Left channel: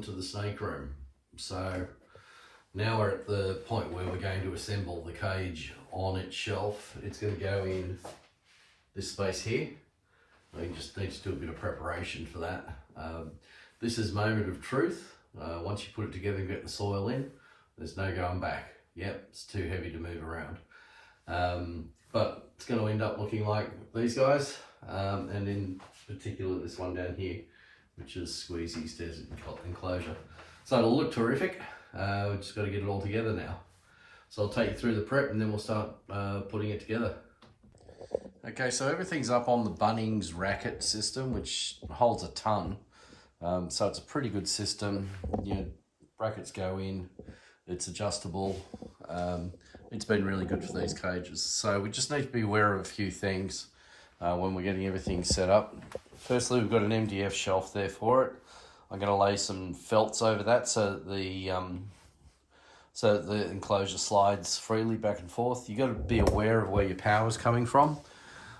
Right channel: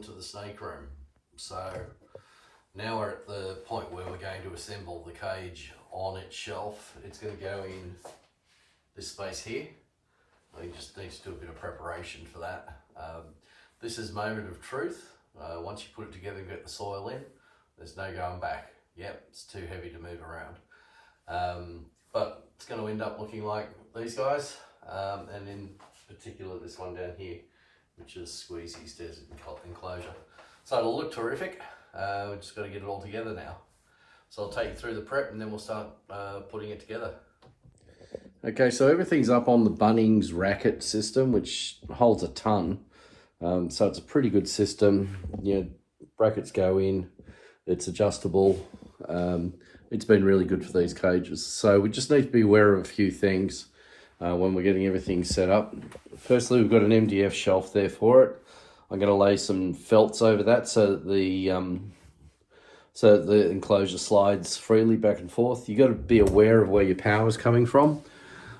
welcome to the snake room. So now we're at the point where we're going to assemble the cage on its shelf. It's going to go in this space here. I just need to do a bit of preparation for that. This is moment of truth. Once you put it together and get the soil in, there's no going back. Yep, it's too heavy to move around. But it's going to end up looking like these guys, and in particular this one down here, which is Squeezy's Desert Enclosure. So it'll look terrific. We've just got to get it all together now. So I'll take you through the prep and then we'll start putting it together. Okay, so everything's up on the Bunnings racket system, which holds a ton. So it's a pretty good system. You know, brackets go in, it's adjustable. It's been really good for these cages. So we just need to be aware of a few things when we're getting everything set up. Firstly, we've got an MDF shelf there for it. I'm going to lay some felts over that so that the enclosure slides freely back and forth. You've got to be aware of where your power is coming from.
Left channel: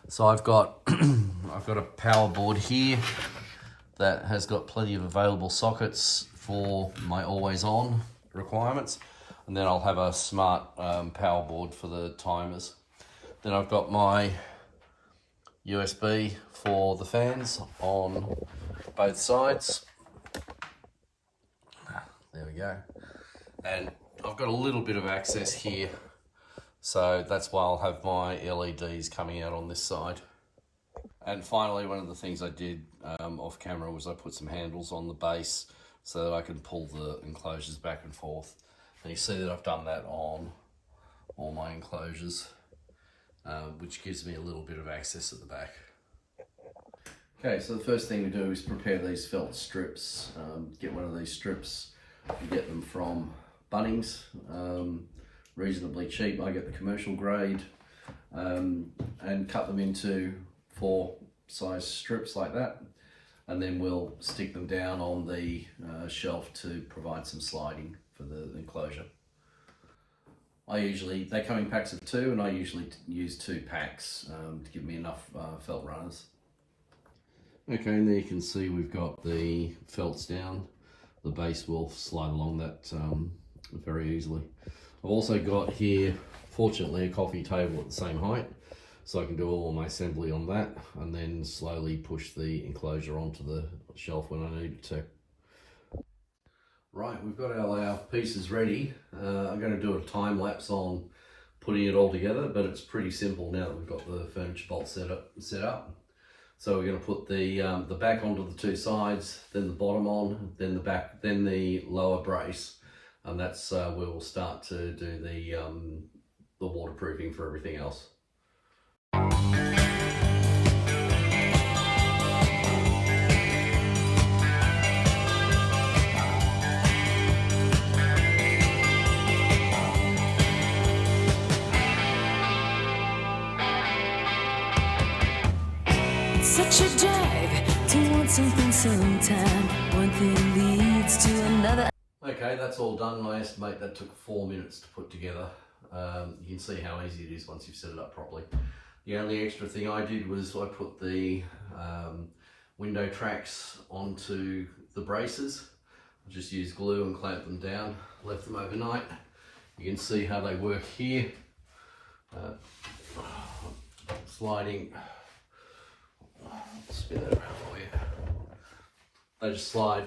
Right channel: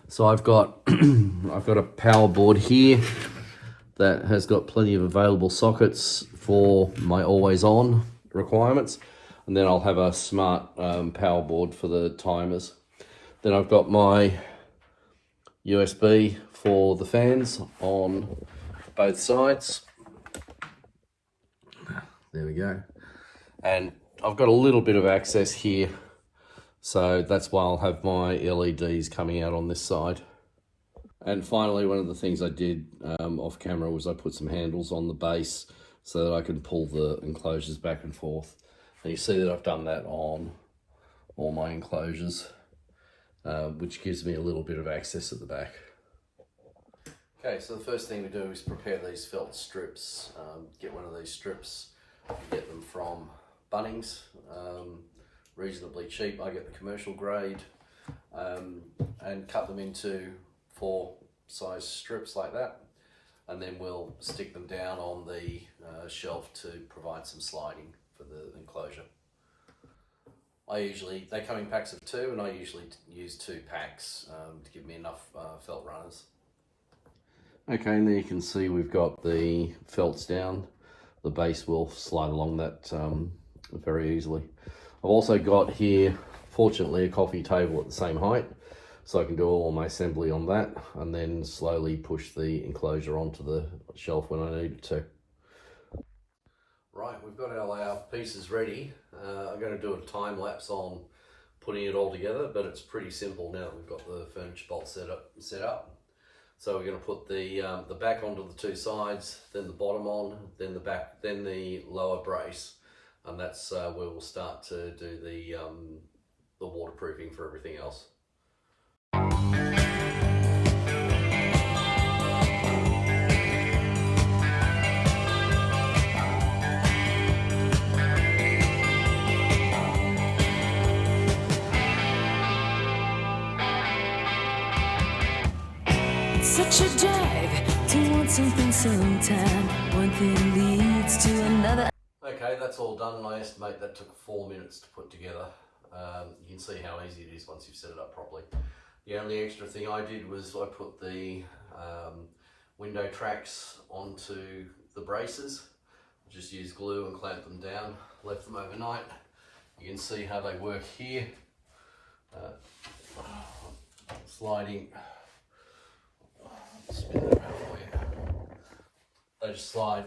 So I've got I've got a power board here that has got plenty of available sockets for my always on requirements, and then I'll have a smart power board for the timers. Then I've got my USB for the fans on both sides. There we go. And I've got a little bit of access here, so that's why I'll have my LEDs coming out on this side. And finally, one of the things I did off camera was I put some handles on the base so that I can pull the enclosures back and forth. And you see that I've done that on all my enclosures, which gives me a little bit of access at the back. Okay, so the first thing we do is prepare these felt strips. Get one of these strips. You get them from Bunnings, reasonably cheap. I get the commercial grade, and cut them into 4 size strips like that, and then we'll stick them down on the shelf to provide some sliding for the enclosure. They come in packs of 2, and I usually use 2 packs to give me enough felt runners. Okay, and there you can see we've got the felts down. The base will slide along that very easily. I've also got here, fortunately, a coffee table at the same height, so I can do all my assembly on that and then slowly push the enclosure onto the shelf when I need it to. Right, we've got our pieces ready. I'm going to do a time lapse on putting it all together, but it's pretty simple now that we've got the furniture bolt set up. So we're going to put the back onto the 2 sides, then the bottom on, then the back, then the lower brace, and that's where we'll start to do the waterproofing for everything else. Such a drag to want something sometime. One thing leads to another. Okay, that's all done. I estimate that took 4 minutes to put together. You can see how easy it is once you've set it up properly. The only extra thing I did was I put the window tracks onto the braces. I just used glue and clamped them down, left them overnight. You can see how they work here. Sliding. Spin it around for you. They just slide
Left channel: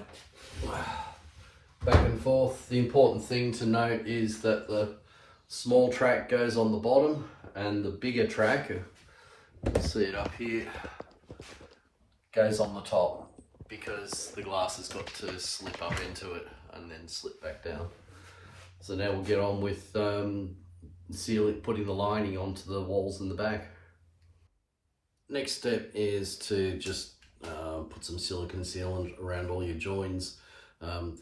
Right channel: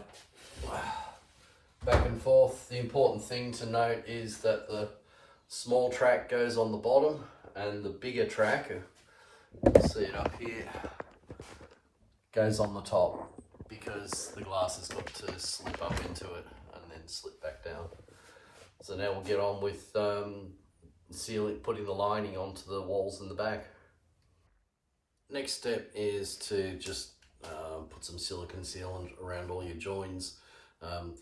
back and forth. The important thing to note is that the small track goes on the bottom and the bigger track, you can see it up here, goes on the top, because the glass has got to slip up into it and then slip back down. So now we'll get on with putting the lining onto the walls in the back. Next step is to just put some silicone sealant around all your joins.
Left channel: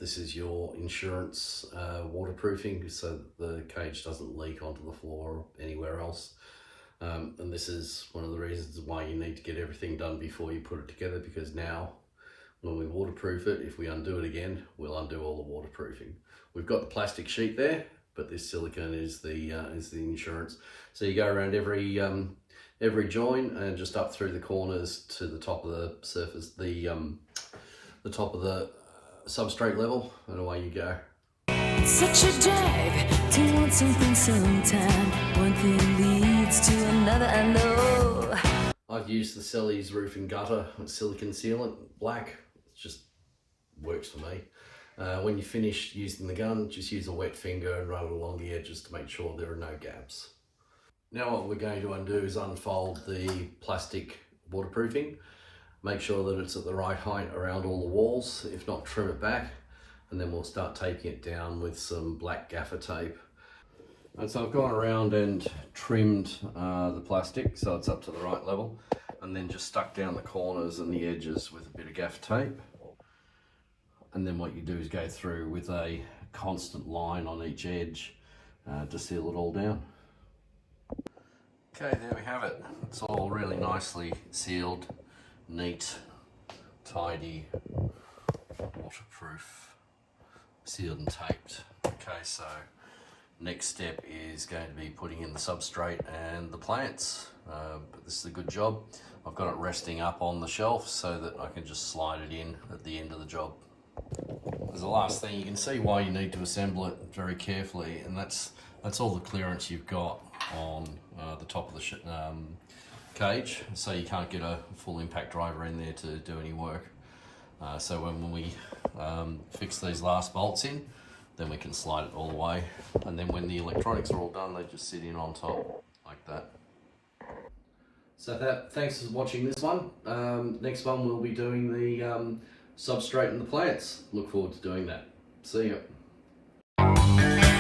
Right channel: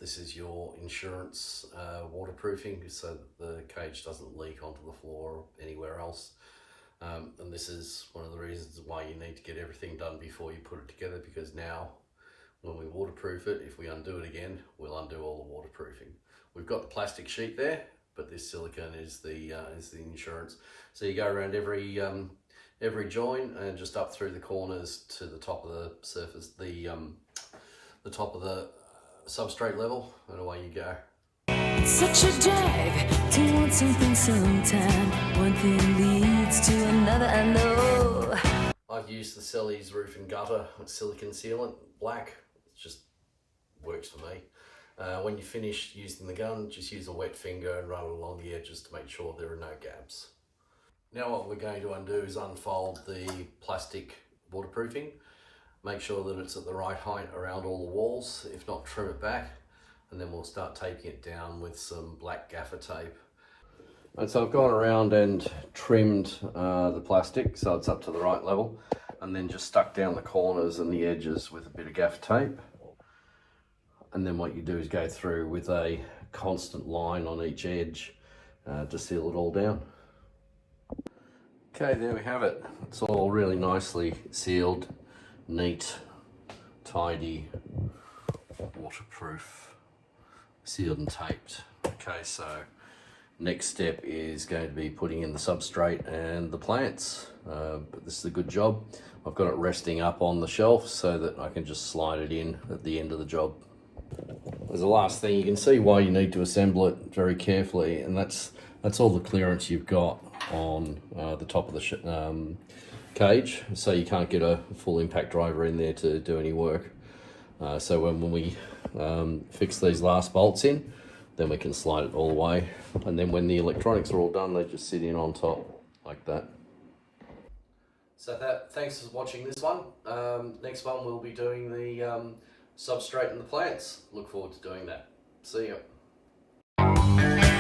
This is your insurance waterproofing, so that the cage doesn't leak onto the floor or anywhere else. And this is one of the reasons why you need to get everything done before you put it together, because now when we waterproof it, if we undo it again, we'll undo all the waterproofing. We've got the plastic sheet there, but this silicone is the insurance. So you go around every joint and just up through the corners to the top of the surface, the top of the substrate level, and away you go. It's such a drag to want something sometime. One thing leads to another, I know. I've used the Selly's roofing gutter with silicon sealant, black. It just works for me. When you finish using the gun, just use a wet finger and run it along the edges to make sure there are no gaps. Now what we're going to undo is unfold the plastic waterproofing. Make sure that it's at the right height around all the walls. If not, trim it back, and then we'll start taping it down with some black gaffer tape. And so I've gone around and trimmed the plastic so it's up to the right level, and then just stuck down the corners and the edges with a bit of gaffer tape. And then what you do is go through with a constant line on each edge to seal it all down. Okay, there we have it. It's all really nicely sealed, neat, tidy, waterproof, sealed and taped. Okay, so next step is going to be putting in the substrate and the plants. But this is a good job. I've got it resting up on the shelf so that I can just slide it in at the end of the job. As the last thing, you can see why you need to assemble it very carefully, and that's all the clearance you've got on the top of the cage, so you can't get a full impact driver in there to do any work. So when we fix these last bolts in, then we can slide it all away, and then when the electronics are all done, they just sit in on top like that. So thanks for watching this one. Next one we'll be doing the substrate and the plants. Look forward to doing that. See ya.